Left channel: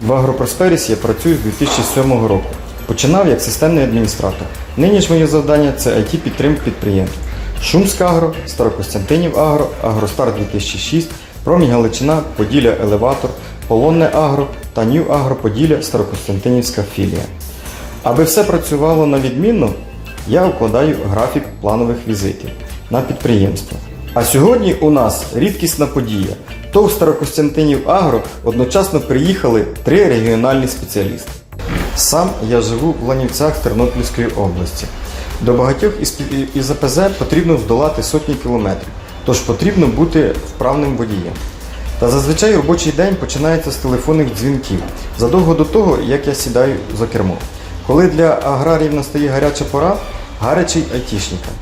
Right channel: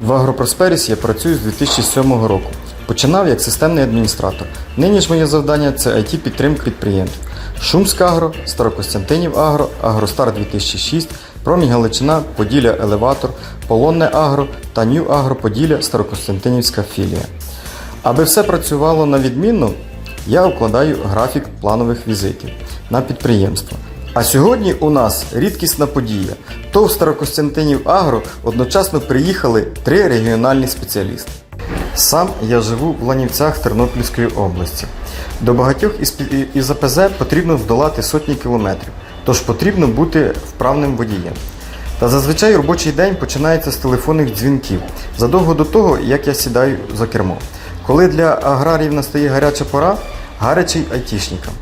В Агропросперіс я працюю з 2007 року. Починав як системний адміністратор. Нині ж моє завдання це it підтримка підприємств. Шумськ Агро, Старокостянтинів Агро, Агростар 2006, Промінь Галичина, Поділля Елеватор, Полонне Агро та Нью Агро Поділля Старокостянтинівська філія. Аби все працювало на відмінно, я укладаю графік планових візитів на підприємство. А сьогодні у нас рідкісна подія. То в Старокостянтинів Агро одночасно приїхали три регіональні спеціалісти. Сам я живу в Ланівцях Тернопільської області. До багатьох із, АПЗ потрібно здолати сотні кілометрів, тож потрібно бути вправним водієм. Та зазвичай робочий день починається з телефонних дзвінків задовго до того, як я сідаю за кермо. Коли для аграріїв настає гаряча пора, гарячий айтішникам.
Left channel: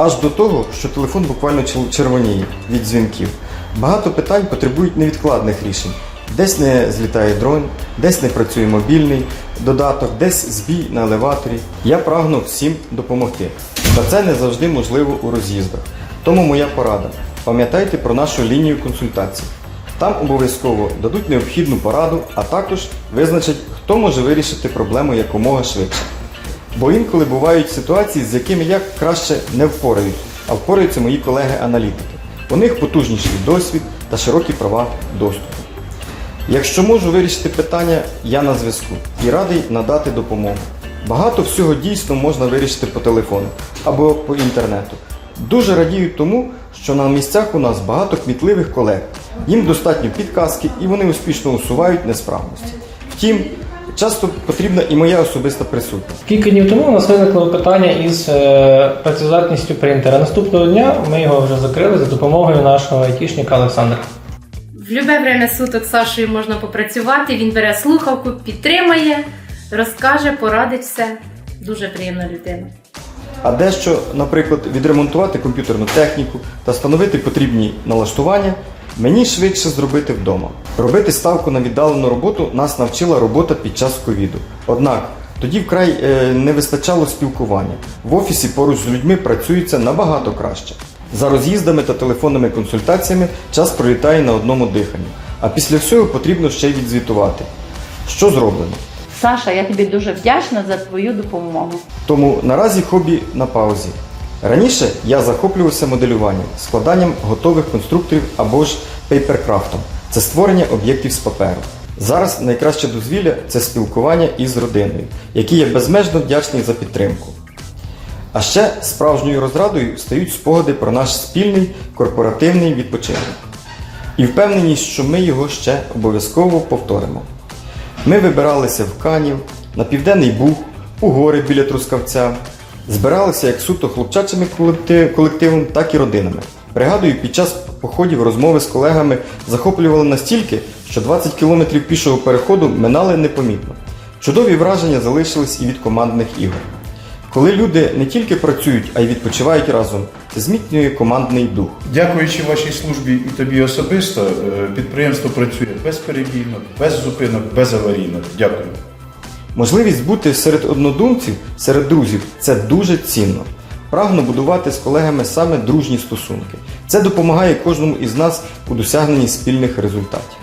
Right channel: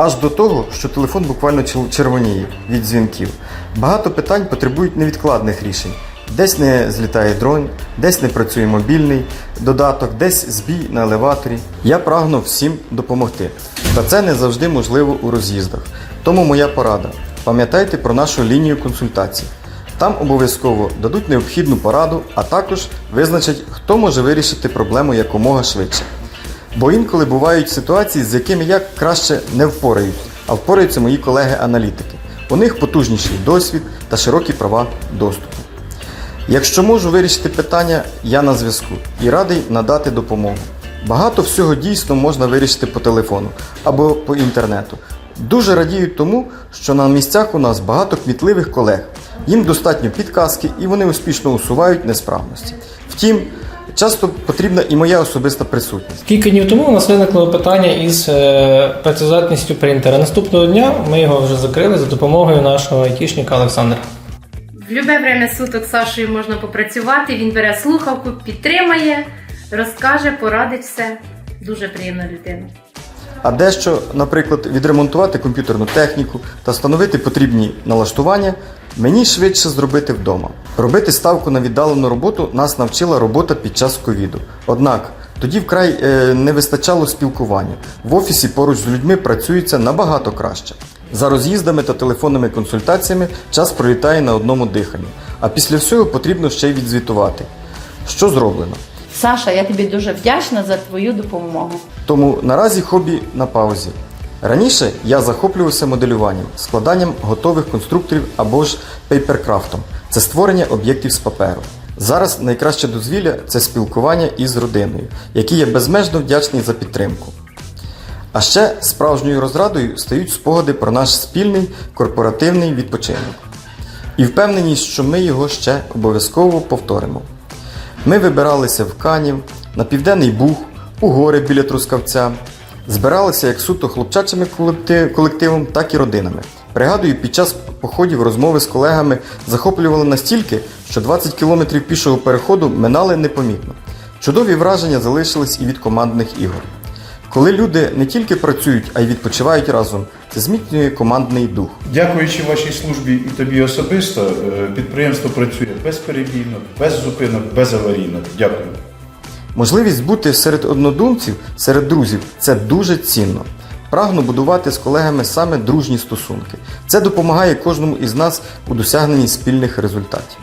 Аж до того, що телефон буквально червоніє від дзвінків. Багато питань потребують невідкладних рішень. Десь не злітає дрон, десь не працює мобільний додаток, десь збій на елеваторі. Я прагну всім допомогти. Та це не завжди можливо у роз'їздах. Тому моя порада. Пам'ятайте про нашу лінію консультацій. Там обов'язково дадуть необхідну пораду, а також визначать, хто може вирішити проблему якомога швидше. Бо інколи бувають ситуації, з якими я краще не впораюсь, а впораються мої колеги-аналітики. У них потужніший досвід та широкі права доступу. Якщо можу вирішити питання, я на зв'язку і радий надати допомогу. Багато всього дійсно можна вирішити по телефону або по інтернету. Дуже радію тому, що на місцях у нас багато кмітливих колег. Їм достатньо підказки і вони успішно усувають несправності. Втім, часто потрібна і моя особиста присутність. Кілька днів тому у нас виникло питання із е, працездатністю принтера. Наступного дня ми його вже закрили за допомогою нашого айтішника Олександра. В любе время суток з Сашою можна попрацювати. Він бере слухавку, підтримає, розкаже, порадить все. Дуже приємна людина. А дещо, наприклад, відремонтувати комп'ютерну техніку та встановити потрібні налаштування, мені швидше зробити вдома. Робити ставку на віддалену роботу нас навчила робота під час ковіду. Однак тоді вкрай е, не вистачало спілкування. В офісі поруч з людьми працюється набагато краще. За роз'їздами та телефонними консультаціями час пролітає на одному диханні, а після всього потрібно ще й відзвітувати. Що зроблено? Саша, я тобі дуже вдячна за твою допомогу. Тому наразі хобі на паузі. Раніше я захоплювався моделюванням, складанням готових конструкторів або ж пейперкрафтом. Це створення об'єктів з паперу. Зараз найкраще дозвілля це спілкування із родиною, якій я безмежно вдячний за підтримку. А ще справжньою розрадою стають спогади про наш спільний корпоративний відпочинок. І впевненість, що ми його ще обов'язково повторимо. Ми вибиралися в Канів, на Південний Буг, у гори біля Трускавця. Збиралися як суто хлопчачими колективом, так і родинами. Пригадую, під час походів розмови з колегами захоплювали настільки, що 20 кілометрів пішого переходу минали непомітно. Чудові враження залишились і від командних ігор. Коли люди не тільки працюють, а й відпочивають разом, зміцнює командний дух. Дякуючи вашій службі і тобі особисто, е, підприємство працює безперебійно, без зупинок, безаварійно. Дякую. Можливість бути серед однодумців, серед друзів це дуже цінно. Прагну будувати з колегами саме дружні стосунки. Це допомагає кожному із нас у досягненні спільних результатів.